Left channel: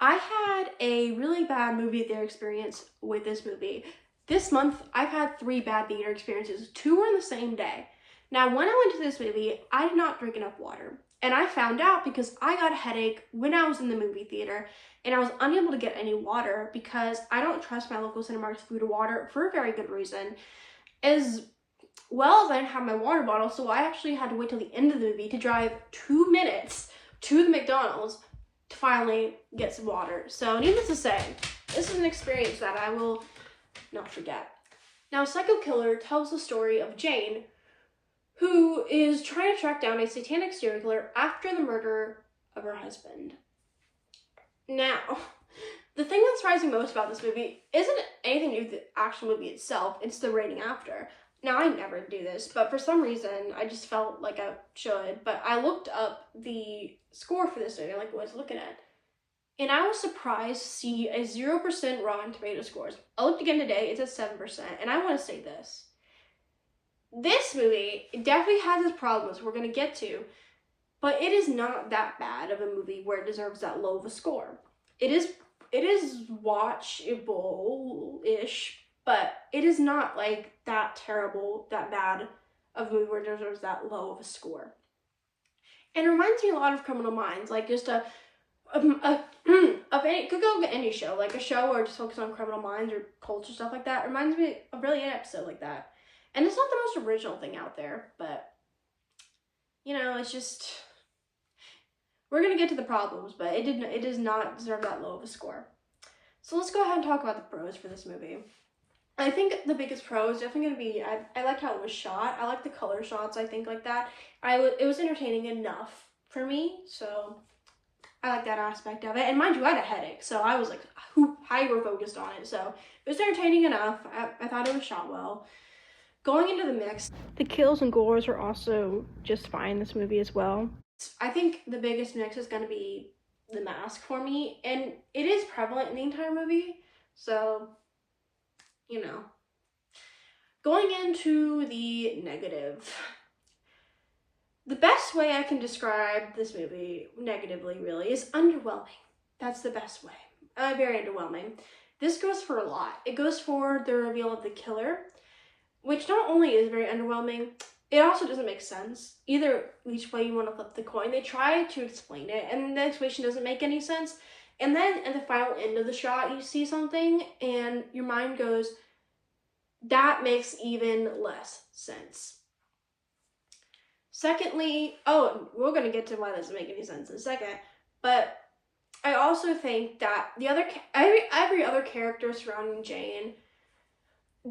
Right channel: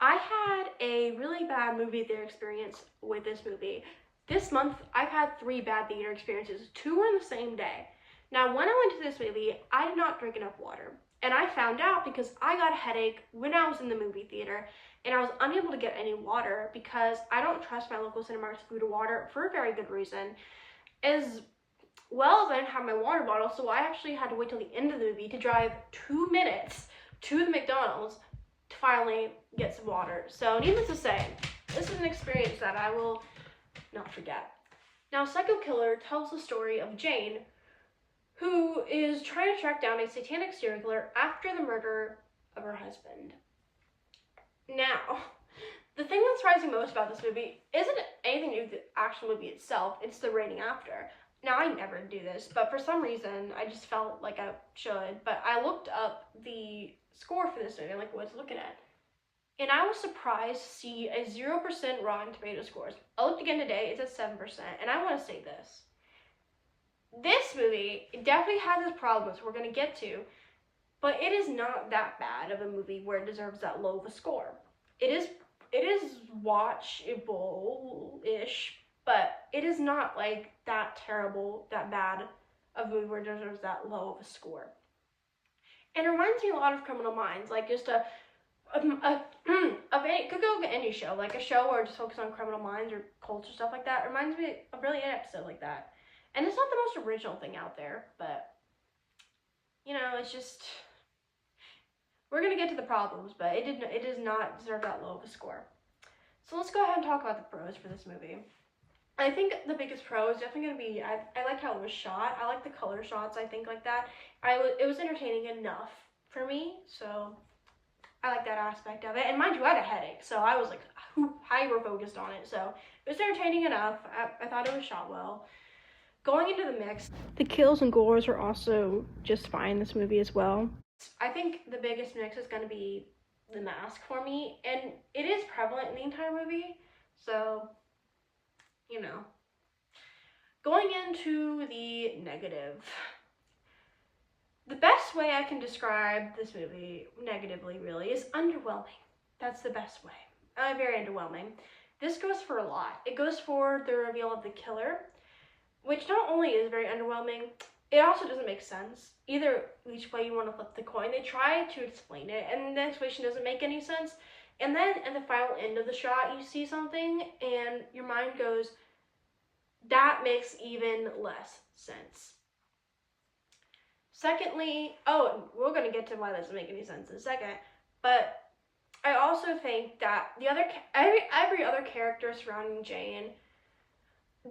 I had a really bad movie theater experience with this movie. This month, I've had 3 bad theater experiences. 2 were in the same day. Now, when I went to this movie, I did not drink enough water. And I found out because I got a headache when I was in the movie theater, and I was unable to get any water because I don't trust my local Cinemark's food or water for a very good reason. As well as I didn't have my water bottle, so I actually had to wait till the end of the movie to drive 2 minutes to the McDonald's to finally get some water. So needless to say, this is an experience that I will not forget. Now, Psycho Killer tells the story of Jane, who is trying to track down a satanic serial killer after the murder of her husband. Now, the thing that surprised me most about this movie isn't anything to do with the actual movie itself, it's the rating after. Now, I never do this, but for some reason, I just felt like I should. But I looked up the score for this movie, like what I was looking at. And I was surprised to see a 0% Rotten Tomato scores. I looked again today, it's at 7%. And I want to say this. This movie definitely has its problems we're going to get to. But it is not that bad of a movie where it deserves that low of a score. It is watchable-ish. But it is not like that terrible, that bad of a movie where it deserves that low of a score. And it reminds me a lot of Criminal Minds, like just it could go to any show, like a show where it just focuses on criminal minds or culture, stuff like that. It reminds me of really an episode like that. And it's not the most original thing out there, but, you know, it's just, we're going to get to the problems, but it does not deserve that low of a score. So let's go ahead and talk about the pros for this movie. I think the biggest pro is definitely going to be, I liked how it was shot. I like the color shots, I think, like that. It was entertaining enough for me, so I like that aspect of it. And mind you, I had a headache, so I was like hyper-focused on it. So it was entertaining enough. I thought it was shot well. Going into the mix, the kills and gores are also just fine in this movie as well. I think the biggest mix is going to be the mask for me, and it is prevalent in the entire movie, so you know. Going into the negative. The best way I can describe this movie negatively, really, is underwhelming. That's the best way. Very underwhelming. This goes for a lot. It goes for the reveal of the killer, which not only is very underwhelming, it also doesn't make sense. Either which way you want to flip the coin. They try to explain it, and the explanation doesn't make any sense. And then at the final end of the shot, you see something, and your mind goes, that makes even less sense. Secondly, we're going to get to why that doesn't make any sense in a second, but I also think that every other character surrounding Jane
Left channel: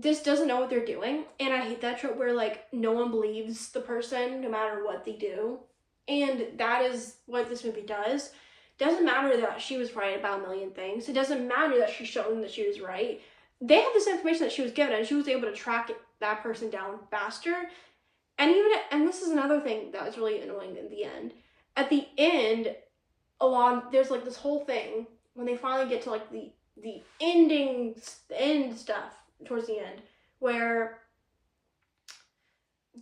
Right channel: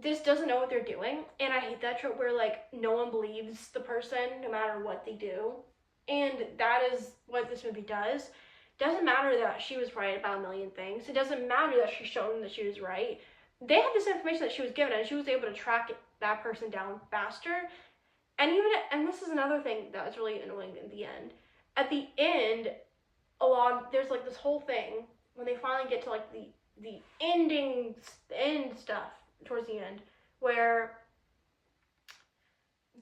just doesn't know what they're doing, and I hate that trope where, like, no one believes the person no matter what they do, and that is what this movie does. Doesn't matter that she was right about a million things. It doesn't matter that she's shown that she was right. They had this information that she was given, and she was able to track that person down faster. And this is another thing that was really annoying in the end. At the end, there's like this whole thing when they finally get to like the end stuff towards the end, where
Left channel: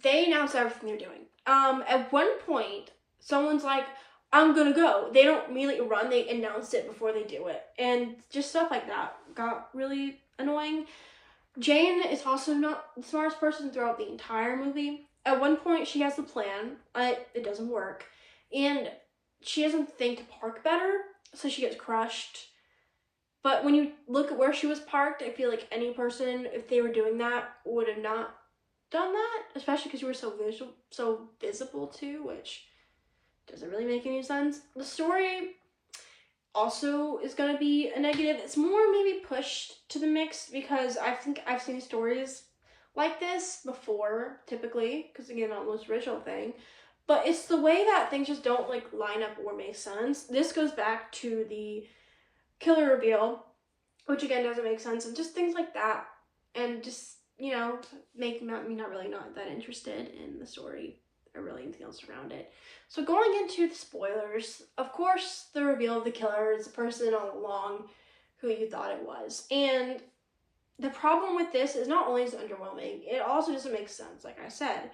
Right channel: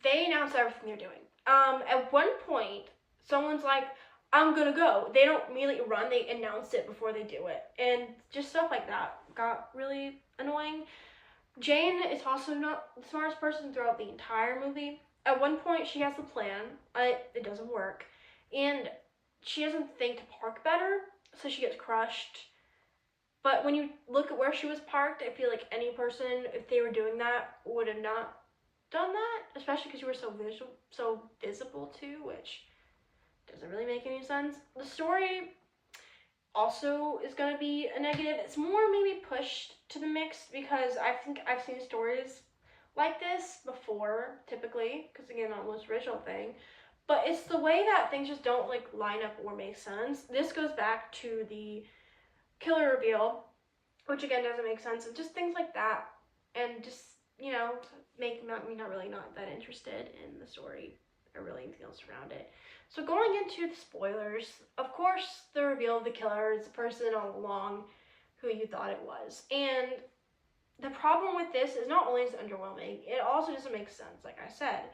they announce everything they're doing. At one point, someone's like, I'm gonna go. They don't immediately run, they announce it before they do it. And just stuff like that got really annoying. Jane is also not the smartest person throughout the entire movie. At one point, she has a plan. It doesn't work. And she doesn't think to park better, so she gets crushed. But when you look at where she was parked, I feel like any person, if they were doing that, would have not done that. Especially because you were so visible too, which doesn't really make any sense. The story also is going to be a negative. It's more maybe pushed to the mix because I think I've seen stories like this before, typically, because again, not the most original thing. But it's the way that things just don't like line up or make sense. This goes back to the killer reveal, which again doesn't make sense, and just things like that, and just, you know, make me not that interested in the story or really anything else around it. So going into the spoilers, of course, the reveal of the killer is the person all along who you thought it was. And the problem with this is not only is it underwhelming, it also doesn't make sense, like I said.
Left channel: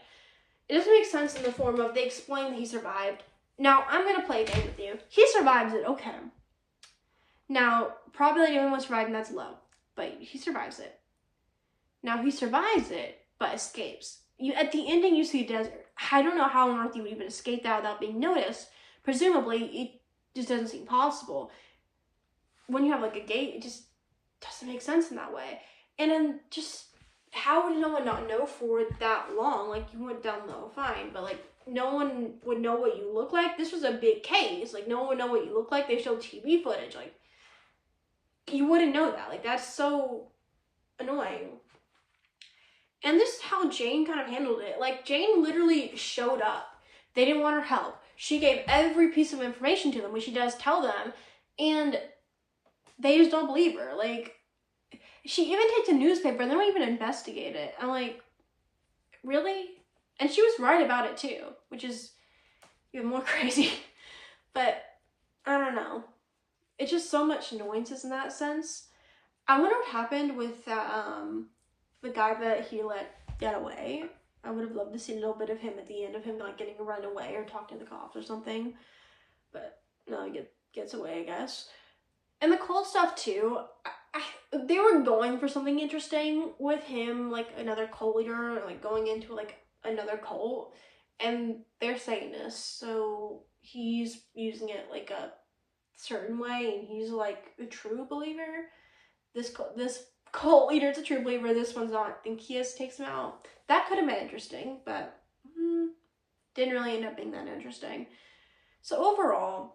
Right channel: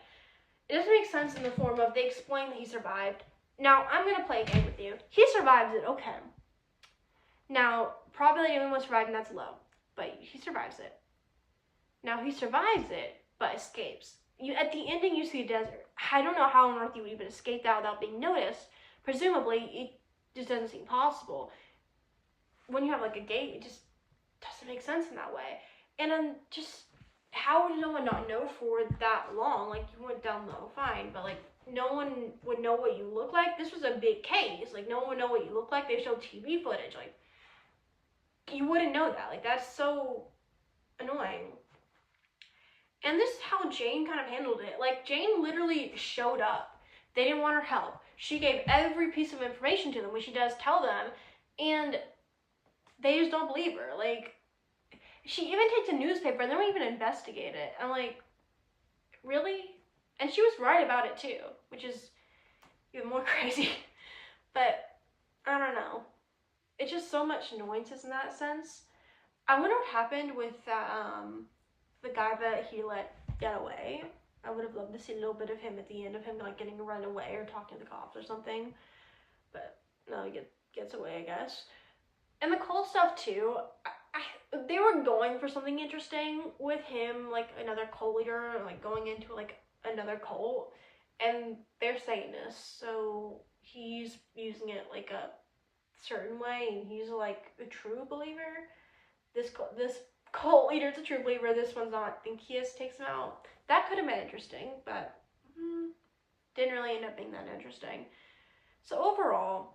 It doesn't make sense in the form of they explain that he survived. Now, I'm going to play a game with you. He survives it, okay. Now, probability of anyone surviving, that's low, but he survives it. Now, he survives it, but escapes. At the ending, you see a desert. I don't know how on earth you would even escape that without being noticed. Presumably, it just doesn't seem possible. When you have like a gate, it just doesn't make sense in that way. And then just, how would no one not know for that long? Like, you went down low, fine, but like, no one would know what you look like. This was a big case. Like, no one would know what you look like. They showed TV footage. Like, you wouldn't know that. Like, that's so annoying. And this is how Jane kind of handled it. Like, Jane literally showed up. They didn't want her help. She gave every piece of information to them, which she does tell them, and they just don't believe her. Like, she even takes a newspaper and they don't even investigate it. I'm like, really? And she was right about it too, which is even more crazy. But I don't know. It's just so much annoyances in that sense. I wonder what happened with that, the guy that he let get away. I would have loved to see a little bit of him at the end of him like getting run away or talking to the cops or something. But no, he gets away, I guess. And the cult stuff too. They were going for something interesting with him, like another cult leader, like going into like another cult, and they're Satanists, so he's using it like a certain way, and he's like a true believer. This cult leader is a true believer. This one's not. I think Kias takes him out. That could have been interesting, but didn't really end up being that interesting. So overall,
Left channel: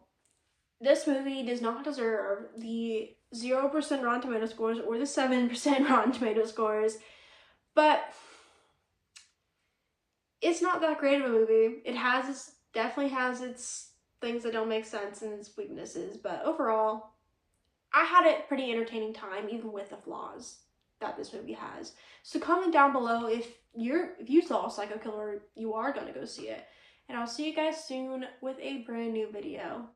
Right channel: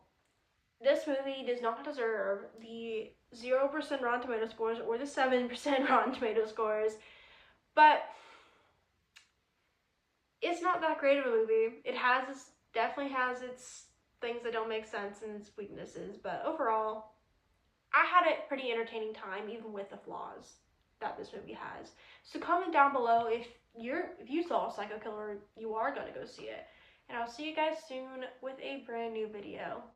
this movie does not deserve the 0% Rotten Tomato scores or the 7% Rotten Tomato scores, but it's not that great of a movie. It definitely has its things that don't make sense and its weaknesses, but overall, I had a pretty entertaining time, even with the flaws that this movie has. So comment down below if you saw Psycho Killer, you are going to go see it. And I'll see you guys soon with a brand new video.